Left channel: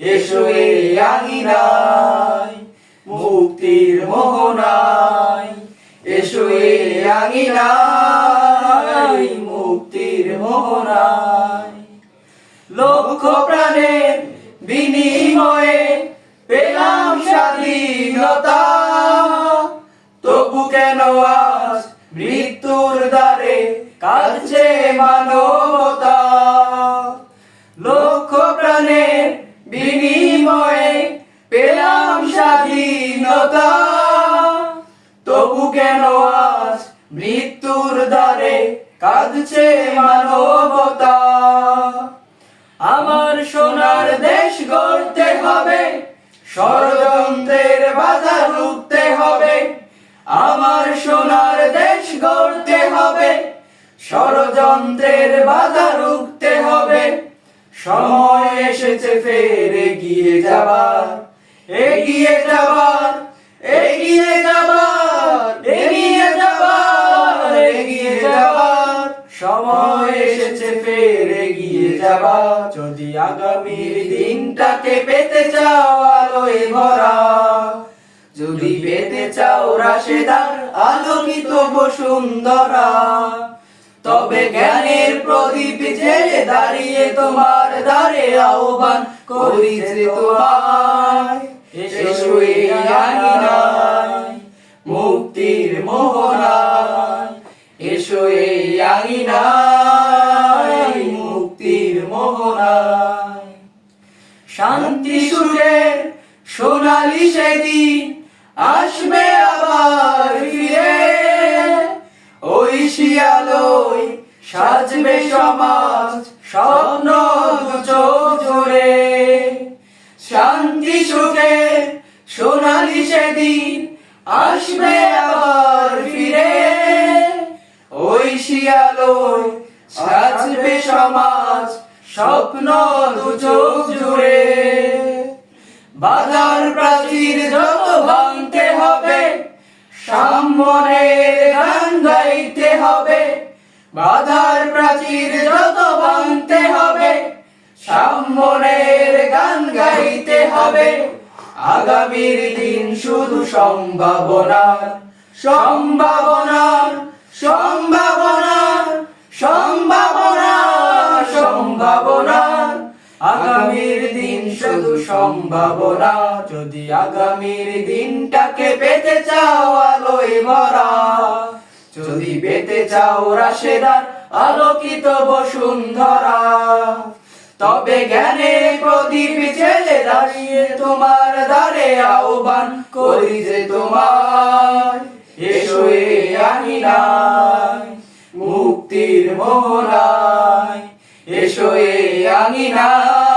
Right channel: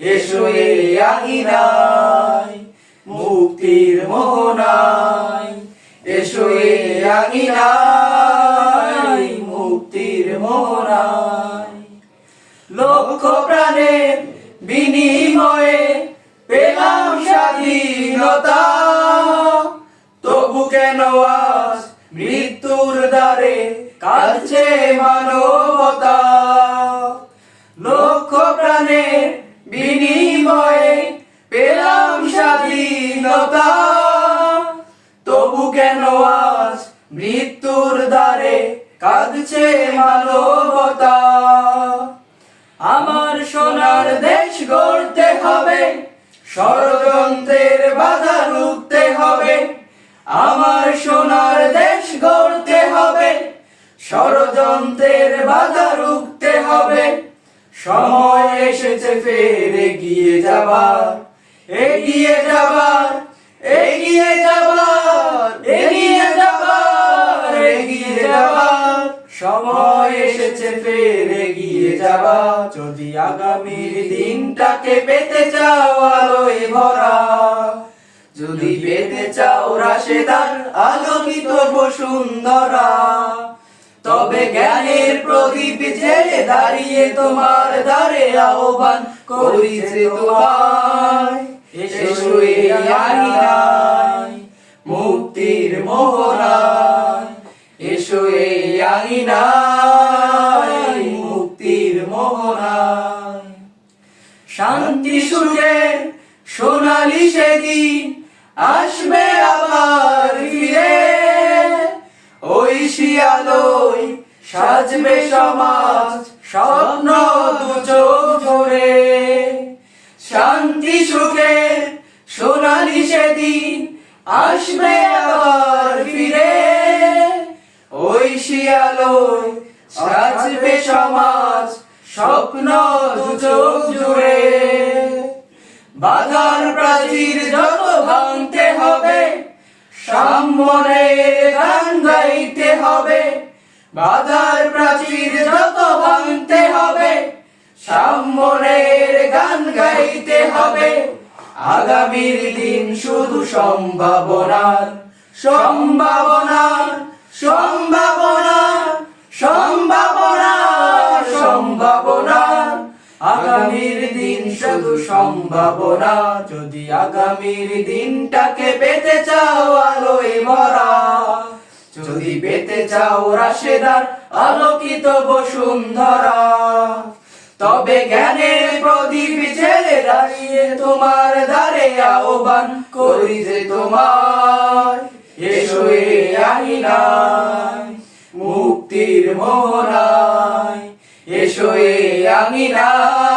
এসো এ আঙিনায়, মুক্তির মোহনায়। এসো এ আঙিনায়, মুক্তির মোহনায়। লক্ষ প্রাণের বিনিময়ে পেলাম স্বাধীনতা। তবু কেন আজ মৃত্যুর দ্বারে কাঁদছে মানবতা? স্বাধীনতা তবু কেন আজ মৃত্যুর দ্বারে কাঁদছে মানবতা? আমার সোনার দেশ গড়তে হবে, ষড়যন্ত্রের বাধা রুখতে হবে। আমার সোনার দেশ গড়তে হবে, ষড়যন্ত্রের হবে। সময় এসেছে ফের এগিয়ে যাবার এগিয়ে যাবার। সময় এসেছে, ফের এগিয়ে যাবার যদি আগামীর দিনটাকে পেতে চাও, আলোয় ভরা। যদি পেতে চাও রাশেদার, আলোকিত বসুন্ধরা। তবে জ্ঞানের প্রদীপ জেলে দাঁড়িয়ে তোমার দ্বারে আহ্বান করিছে তোমায়। এই আঙিনায় মুক্তির মোহনায়। শান্তি সুরের সোনালি সেদিন আসবে আবার ফিরে। ওই শিয়ালয় সাজবে সমাজ স্বপ্ন দু চোখ জোড়ে শান্তি সুখের সোনালি সেদিন আসবে আবার ফিরে। ওই শিয়ালয় সাজবে সমাজ স্বপ্ন দু চোখ জুড়ে। বাধার প্রাচীর যত ভাঙতে হবে সাম্যনের গান গাইতে হবে। বাধার প্রাচীর যত ভাঙতে হবে সাম্যনের গান গাইতে হবে। আগামীর দিন শুধু সম্ভাবনার সম্ভাবনার সম্ভাবনার আগামীর দিন শুধু সম্ভাবনা যদি আগামীর দিনটাকে পেতে চাও আলোয় ভরা। যদি পেতে চাও রাশেদার, আলোকিত বসুন্ধরা। তবে জ্ঞানের প্রদীপ জেলে দাঁড়িয়ে তোমার দ্বারে আহ্বান করি যে তোমার এসো এ আঙিনায় মুক্তির মোহনায়। এসো এ আঙিনায়।